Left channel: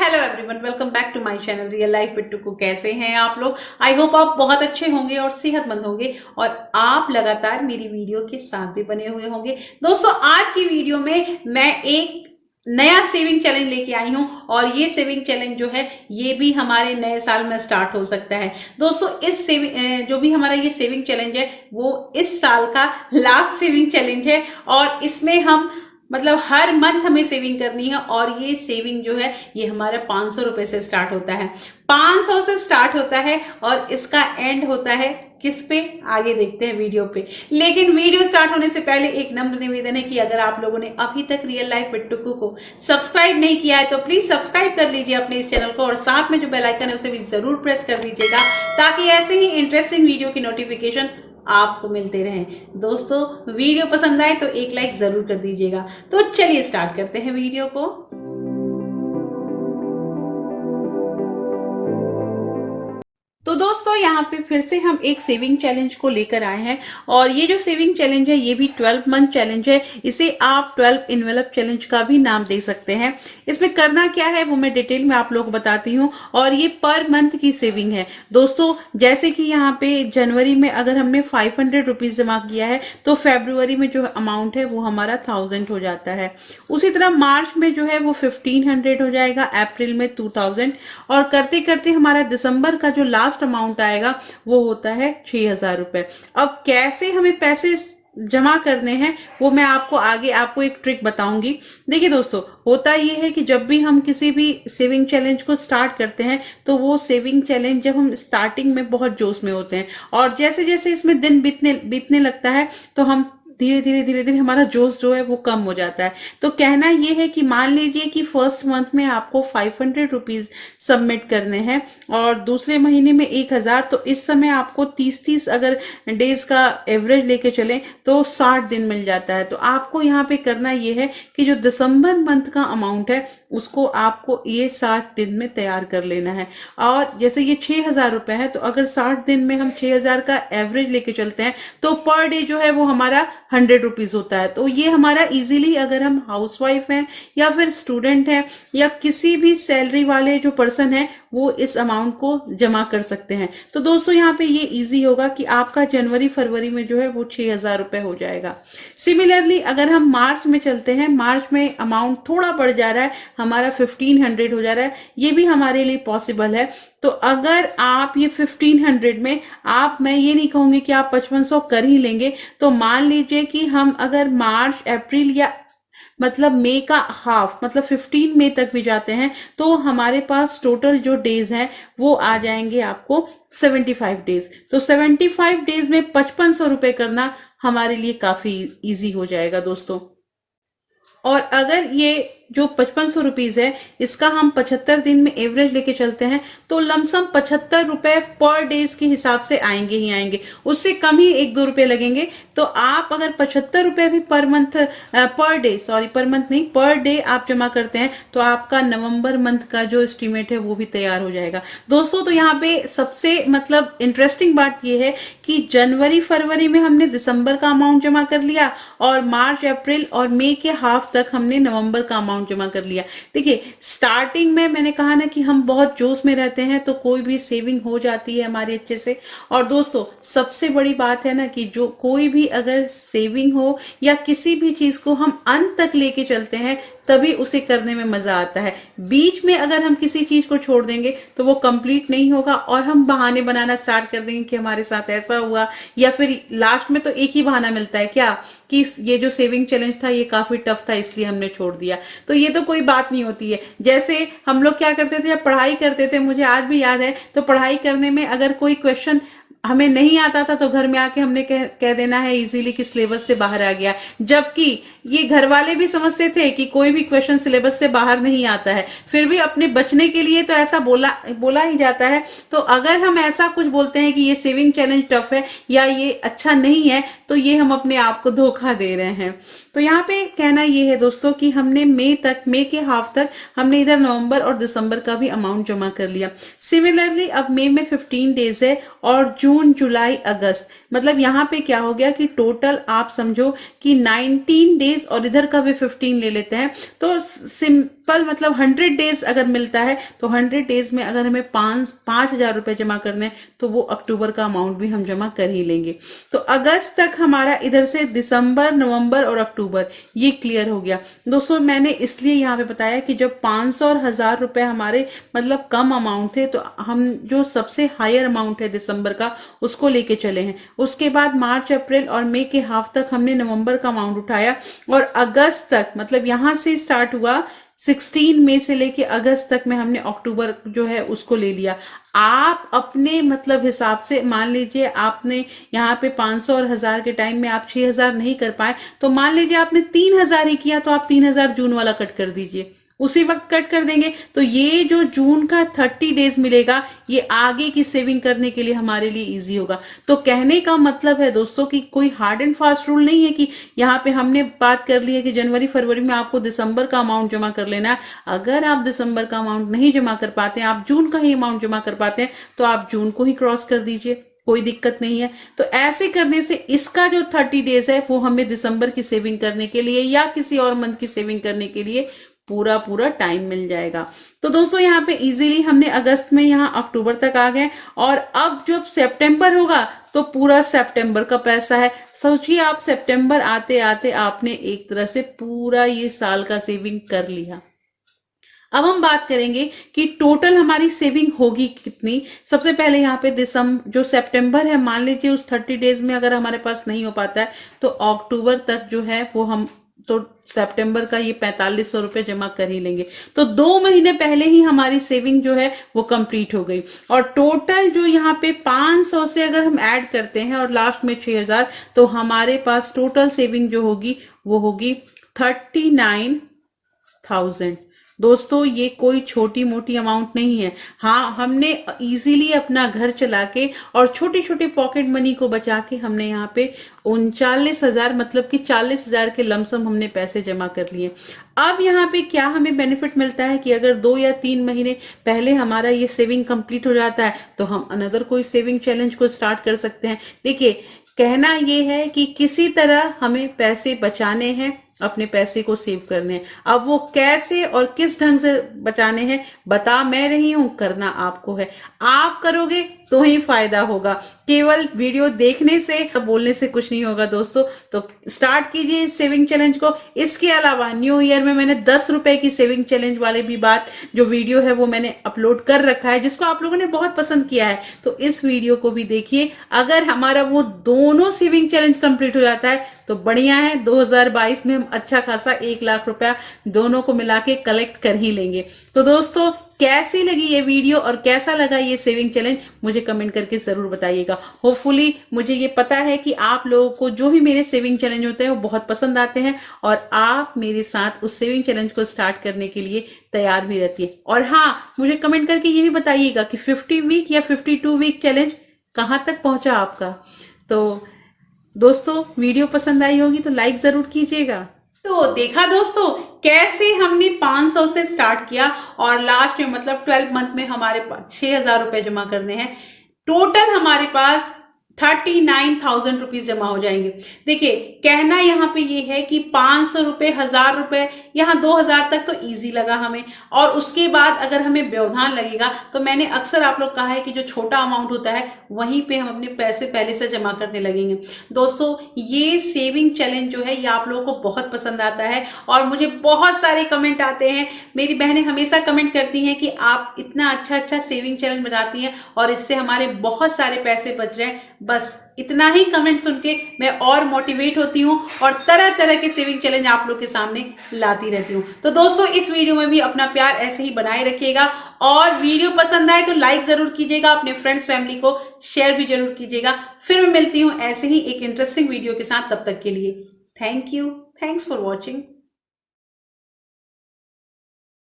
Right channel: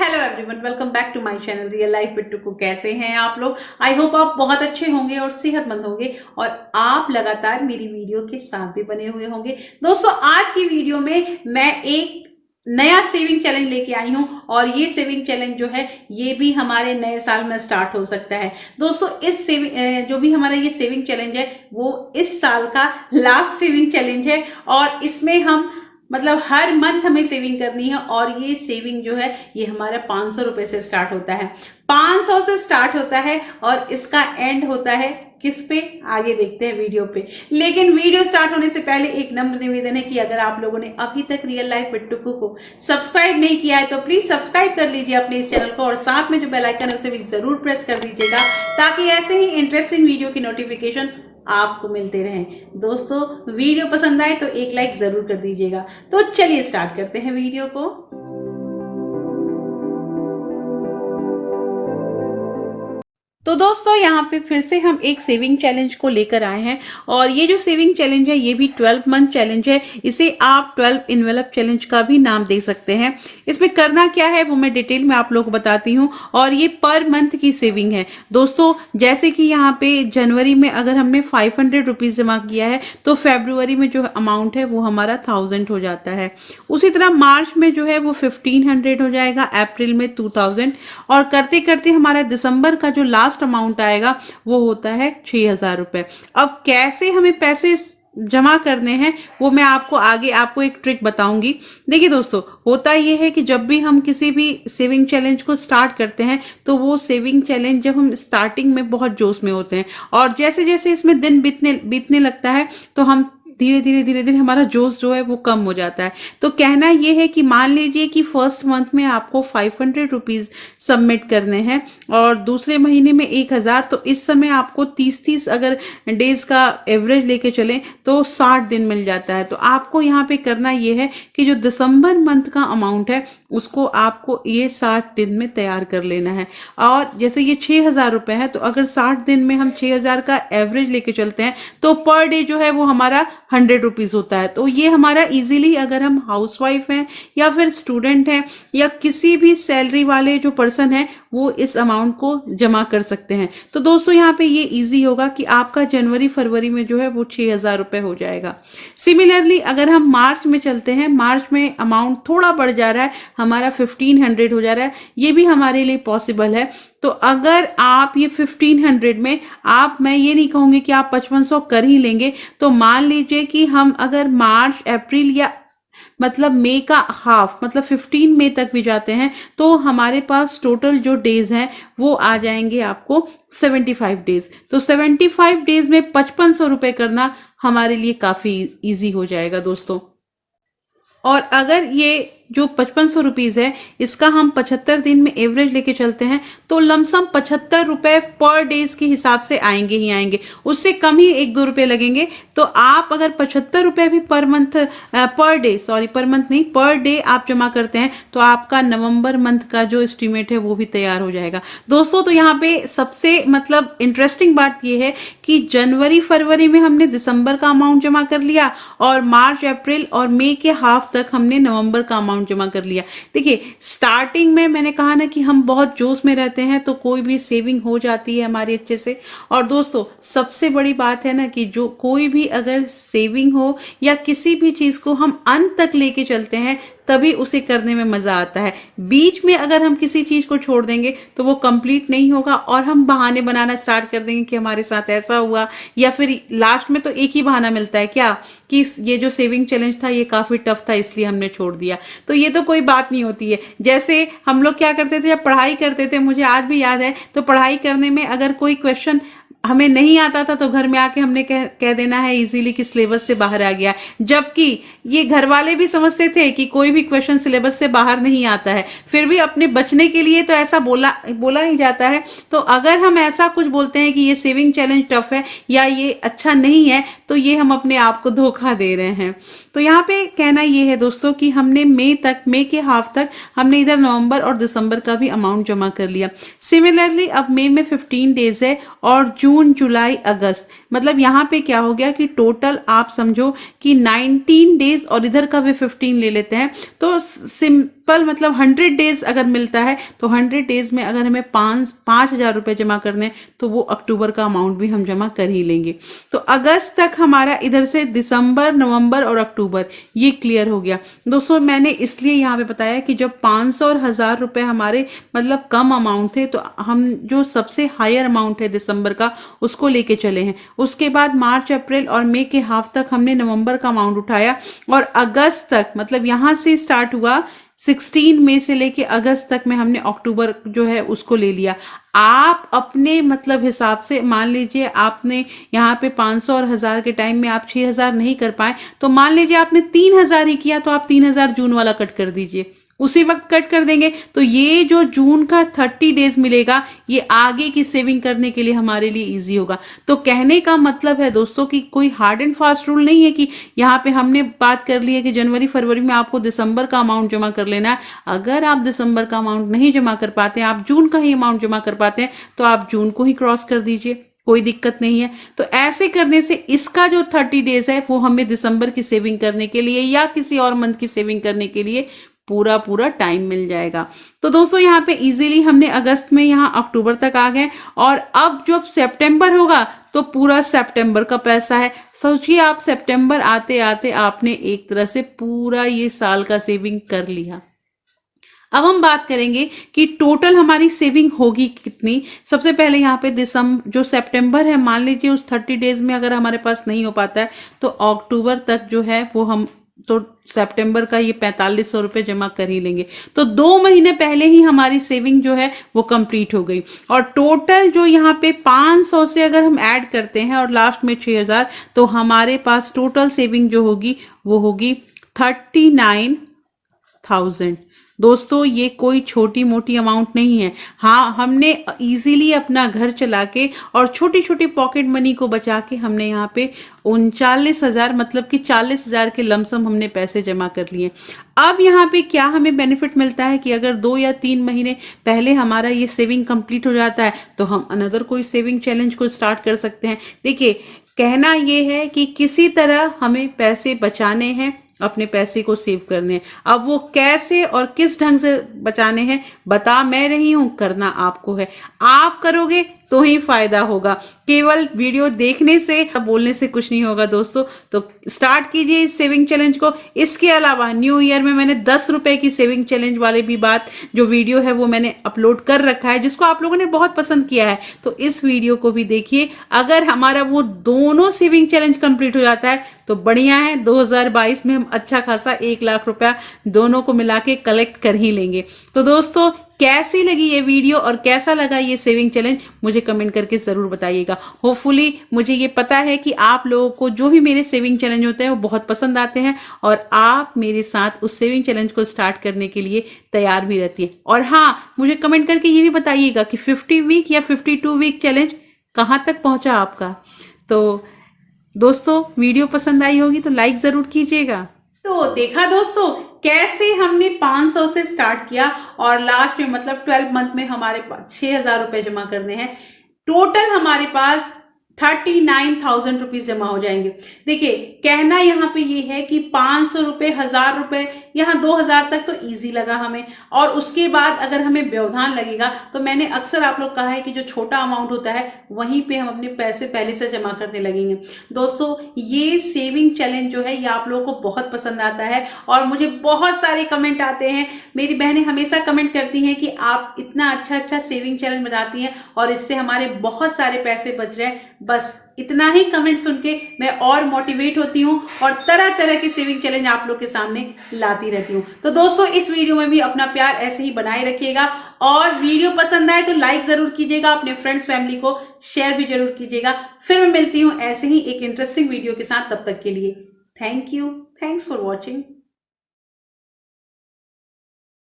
Hello everyone, welcome back to my channel real life with Tuku. कैसे हैं आप लोग? आई होप आप बहुत अच्छे होंगे और सेहतमंद होंगे और आप लगातार मेरी वीडियो के साथ भी बने हुए होंगे। दोस्तों, आज की वीडियो में मैं एक नया सेविंग चैलेंज लेके आई हूं और ये सेविंग चैलेंज जो है ये भी हमारे नए साल में स्टार्ट हो सकता है। दोस्तों, इस सेविंग जो भी हमारा ये सेविंग चैलेंज है वो इस साल का लास्ट सेविंग चैलेंज है और इसमें हम मतलब हर मंथ हमें सेविंग करनी है और ये सेविंग जो है ये हमारा 500 रुपए से स्टार्ट होता है। 500 से स्टार्ट होता है और इसका एंड होता है किस पे, आगे देखते हैं वीडियो पे। लेकिन वीडियो स्टार्ट होने से पहले एक नम्र निवेदन है कि अगर आप लोगों ने अभी तक रियल लाइफ विद टुकू को सब्सक्राइब नहीं किया है तो प्लीज सब्सक्राइब कर लीजिए अपने इस चैनल को और साथ में जो बेल आइकन है उसे भी जरूर प्रेस कर दीजिएगा ताकि ऐसे ही इंटरेस्टिंग वीडियो की नोटिफिकेशन आपको मिलते रहें। दोस्तों, वीडियो पसंद आए तो एक लाइक जरूर कर दीजिएगा। तो चलिए स्टार्ट करते हैं वीडियो को। तो दोस्तों, यहाँ पे फिर से हम एक सेविंग चैलेंज को लेकर आए हैं और ये जो सेविंग चैलेंज है ये भी 12 मंथ चैलेंज है। इसे आप 12 इनवेलप चैलेंज का भी नाम दे सकते हैं। इसमें करना क्या है वो मैं डिटेल में आप लोगों को बताती हूँ और ये पर मंथ की सेविंग है। दोस्तों, जैसे कि यहाँ पे जनवरी में अगर हमने 500 रुपीज जमा किया है तो फेब्रुवरी में जो अमाउंट है वो हमारा 1000 हो जाता है। उसी तरह मार्च में जो है वो 1500 हो जाएगा, अप्रैल में 2000 और करते करते हमारा दिसंबर का जो लास्ट अमाउंट आएगा वो होता है 6000 रुपए। अब कैसे हमें पैसे जमा करने हैं वो मैं आपको आगे एक ट्रिक बताऊंगी। देखिए दोस्तों, होता ये है कि जब भी हम किसी भी सेविंग चैलेंज को स्टार्ट करते हैं तो वो सेविंग चैलेंज जब हम स्टार्टिंग में बहुत जोश में होते हैं और जैसे जैसे इसमें दिन बीतने लगता है तो हम धीरे धीरे हमारा जोश जो है वो कम हो जाता है। तो कहना ये है कि मान लीजिए कि फर्स्ट मंथ में आपको 500 रुपीज सबमिट करने हैं और दूसरे महीने में 1000, तो इस समय आपको 30 अगर डेज का एवरेज लेके चलें तो 60 दिन मिल जाता है। तो आपको यहाँ पे करना ये है कि जो दिसंबर मंथ का अमाउंट है उसको आपको ये 60 दिन में तैयार कर लेना है। और जैसे ये 6000 रुपए है तो अगर 60 दिन में हम 6000 का एवरेज लेके चलते हैं तो पर डे जो है वो हमारा 100 रुपीज होता है। तो ये हमारा इजीली, अगर हम हाउसवाइफ हैं या फिर स्टूडेंट हैं या किसी भी सैलरी वाले जो पर्सन है वो इस अमाउंट को जमा कर सकते हैं। तो दोस्तों, यहाँ पे ये इजी होगा कि आपका जनवरी फरवरी में जो है वो 6000 रुपए हो जाएगा। सिमिलरली अगर हम मार्च में चलते हैं, मार्च में अमाउंट थोड़ा बढ़ जा रहा है, हमारा 1500 हो जा रहा है, ये भी हमारे लिए पॉसिबल है। तो अगर आप ये 1500 में मैं ये नहीं कहूंगी कि आप 5500 कर ही लेंगे। तो मान लीजिए कि हम अगर मार्च अप्रैल या मतलब मई का हाफ मतलब 15 मई तक भी जाते हैं तो हमारे पास टोटल जो डेज हैं वो आ जाएंगे आपको 75 डेज। तो 75 डेज में 5500 रुपए करना हमारे लिए काफी इजी हो जाएगा दोस्तों। और अगर ये जो 5500 रुपीज है इसका हम 75 दिन में एवरेज लेके चलते हैं तो लमसम 75 रुपए पर डेज के हिसाब से आएंगे ही आएंगे, उससे कम ही 1-2 रुपए लगेंगे। तो आप अगर 75 रुपए भी पर मंथ नहीं पर डे आप जमा करते हैं तो आपका नवंबर मंथ का जो एस्टिमेट है वो भी तैयार हो जाएगा दोस्तों। तो यहाँ पे सबसे मतलब इंटरेस्टिंग बात ये है कि जनवरी फरवरी में हमने दिसंबर का अमाउंट जमा कर लिया और मार्च अप्रैल और मई के हाफ तक हमने नवंबर का अमाउंट जमा कर लिया। देखिए, स्टार्टिंग में मैंने कहा ना कि हम बहुत जोश में रहते हैं तो कोई भी सेविंग हो जाती है हमारी अच्छे से। और दोस्तों, सबसे बड़ी बात है ना कि जो कोई भी अगर सेविंग हो या किसी भी चीज को हम अंत तक लेके चलते हैं तभी उसे करने में मजा आता है। बीच में अगर हम किसी चीज को छोड़ देंगे तो वो कंप्लीट नहीं होगा और हम बहाने बनाना स्टार्ट कर देंगे कि हमारे साथ ऐसा हुआ, या फिर लास्ट में तो एक ही बहाना मिलता है क्या कि ये जो सेविंग चैलेंज था ये काफी टफ था इसलिए हमने छोड़ दिया। तो ये तो कोई बात नहीं होती है। जैसे हम लोग क्या करते थे जब पढ़ाई करते थे, मुझे आज भी याद है, तो पढ़ाई करने में अगर कोई क्वेश्चन हमें नहीं आता था तो घर में आके हमने कह देना है इजीली कि सिलेबस से बाहर आ गया, जबकि ये घर वाले भी समझते थे कि कोई भी क्वेश्चन सिलेबस से बाहर नहीं आता है, फिर भी अपने बचने के लिए तो ऐसा बोला ही जाता है। तो अगर हम ऐसा कुछ बोलते हैं कि ये सेविंग चैलेंज टफ है या ये अच्छा नहीं है तो ये हम अपने आप को धोखा दे रहे हैं। तो यहाँ पे कहना ये है दोस्तों कि हमने मई के हाफ तक हमने इधर नवंबर और दिसंबर का भी अमाउंट जमा कर लिया। सिमिलरली अब मई में 15 डेज है और जून जुलाई अगस्त, मतलब यहाँ पे क्या हो गया कि टोटल आप समझो कि 19 डेज और इधर का भी 15 ले लेते हैं तो सिंपल मतलब 100 डेज अगर मिलता है तो 100 डेज में अगर हमें 5,000 रुपए जमा करने हैं तो वो अक्टूबर का अमाउंट भी हम जमा कर ही लेंगे। तो अगस्त तक हमारा इधर से दिसंबर, नवंबर और अक्टूबर ये क्लियर हो गया। दोस्तों मैंने इसलिए यहाँ पे बताया कि जब 500 और 1,000 रुपए हमारे मतलब कम अमाउंट थे तो हम जो सबसे हायर अमाउंट है दिसंबर का उसको लेके चले हैं। उसके बाद मार्च, अप्रैल और मई के हाफ तक हमने नवंबर का अमाउंट उठाया और अगस्त तक मतलब यहां से स्टार्ट हुआ 16 मई से लेके अगस्त तक में हमने अक्टूबर जो है उसको ले लिया। आप अपने मतलब हिसाब से मान लीजिए आपने यहाँ पे 500 और 1,000 के टाइम में आप 6,000 नहीं कर पाए तो मान लीजिए आपने 3,000 ही किया तो आप 3,000 जून वाला कट कर दीजिए, उसी वक्त कट कर देंगे। तो ये जो जून का 30 डेज मिलेगा ये आगे की सेविंग करने के लिए हमारे लिए इजी होगा। तो कहने का मतलब है दोस्तों कि कोई हार्ड एंड फास्ट रूल नहीं है कि यहाँ पे हमने बात कर ली है कि जनवरी फरवरी में आपको दिसंबर का अमाउंट जमा कर लेना है। अगर आप दिसंबर का अमाउंट नहीं जमा कर पाते हैं, आप जून का ही अमाउंट जमा कर पाते हैं तो आप जून को ही क्रॉस कर दीजिए, कोई दिक्कत नहीं है। तो ऐसे करने से इसका जो 30 डेज है वो हमें दिसंबर की सेविंग करने के लिए या किसी और मंथ की सेविंग करने के लिए पूरा टाइम मिल जाएगा। तो दोस्तों यहाँ पे इजीली हमने अगस्त में यहाँ अक्टूबर तक आ गए और अब जब सितंबर होगा तो पूरा सितंबर का पैसा है। सोचिए आप सितंबर आते आते आपने एक तरह से पूरा ये साल का सेविंग कर लिया। अब हम बात करेंगे कि टोटल हमारी सेविंग होगी कितनी। सबसे पहले यहाँ पे दिसंबर जो सितंबर है मान लीजिए उस 30 डेज में अगर हमारे पास नहीं हो पाता है तो अक्टूबर तक जो है वो हम तो सितंबर का ये 4,500 रुपए जमा कर ही लेंगे। तो 2 महीने पहले ही हमारी सेविंग जो है वो कंप्लीट हो गई और टोटल जो यहाँ पे 500 से अगर हम ऐड करते हैं और लास्ट में 6,000 तो हमारे पास टोटल सेविंग जो होगी वो होगी 39,000। दोस्तों ये कोई छोटी मोटी अमाउंट नहीं है। हाँ हमने इजीली अपना घर चला के और छोटी छोटी पॉकेट मनी को बचा के हमने यहाँ पे 39,000 मतलब कि 40,000 के लमसम हमने पैसे जमा कर लिए। अब यहाँ पे क्या हमें बेनिफिट मिलता है कि अगर 2 या 3 महीने पहले हमारा ये सेविंग कंप्लीट हो जाता है तो हम अनदर कोई सेविंग चैलेंज को स्टार्ट कर सकते हैं। देखिए कहना ये है कि किसी तरह हमें पैसे बचाने हैं, अपने पैसे को सेव करने हैं। अब वो कैसे और किस ढंग से बचाने हैं बता मैं रही हूं, करना आपको है। आप करोगे तो ही फायदा होगा, केवल वीडियो देखने से बोलने से कुछ नहीं होगा दोस्तों। तो स्टार्ट कीजिए इस सेविंग चैलेंज को। इसके अलावा न्यू ईयर में मैंने 10 रुपए की सेविंग चैलेंज वाले भी बात जो वीडियो है वो मैंने अपलोड कर रखा है जिसको आप लोगों ने बहुत पसंद किया है। तो इस वीडियो को भी देखिए। अगर हमारा वो दोनों सेविंग चैलेंज कंप्लीट हो जाता है तो बढ़िया है, 2022 में हम अच्छा खासा 1 लाख रुपया दोनों को मिला के कलेक्ट कर ही लेंगे। तो दोस्तों कैसी लगी ये वीडियो और कैसा लगा ये सेविंग चैलेंज मुझे कमेंट करके जरूर बताइएगा। होपफुली मुझे ये पता है कि आप लोगों को जो भी मेरे सेविंग चैलेंज होते हैं वो बहुत पसंद आते हैं और आप मेरे साथ उस सेविंग चैलेंज को स्टार्ट करने के लिए तैयार भी रहती है। और हाँ मुझे कमेंट करके ये भी बताइएगा कि 50 वीक या 52 वीक चैलेंज कहाँ तक पहुंचा आपका। तो दोस्तों वीडियो पसंद आई होगी तो लाइक जरूर कीजिएगा। तो देखा दोस्तों कैसे हमने 500 से स्टार्ट किया और लास्ट में मतलब 12 मंथ में हमारे पास 6,000 रुपए जमा करने हैं। टोटल हमारे पास 39,000 रुपीज जमा हो जाएंगे। देखिए कहना यहाँ पे ये है कि 500 रुपए, 1,000 रुपए, यहाँ 2,000 तक तो इजी लगा हमें और उसके बाद अगर हमें व्यवधान लगेगा तो मैंने अक्सर आप लोग कहा है कि जो छोटा अमाउंट होता है वहीं पे हम अपने पैसे पहले से जमा करने लगेंगे। दोस्तों ये सेविंग चैलेंज जो है ये आप लोगों को बहुत पसंद आता है और मुझे बहुत सारे कमेंट आते हैं। मेरी बहनें हमेशा कमेंट करती हैं कि आप इतना अच्छा सेविंग चैलेंज बनाती हैं और इससे हमारे बहुत सारे पैसे बच रहे हैं। बस इतना ही कमेंट सुन के मैं और मोटिवेट होती हूँ और तरह तरह के सेविंग चैलेंज आप लोग के सामने लाती रहती हूँ। तो दोस्तों इस वीडियो में भी अपना प्यार ऐसे ही बनाए रखिएगा और वीडियो पसंद आए तो लाइक जरूर कीजिएगा, अपने फ्रेंड्स फैमिली को शेयर भी जरूर कीजिएगा। फिर मैं मिलती हूँ ऐसे ही एक इंटरेस्टिंग वीडियो के साथ, तब तक के लिए thank you, thanks for watching.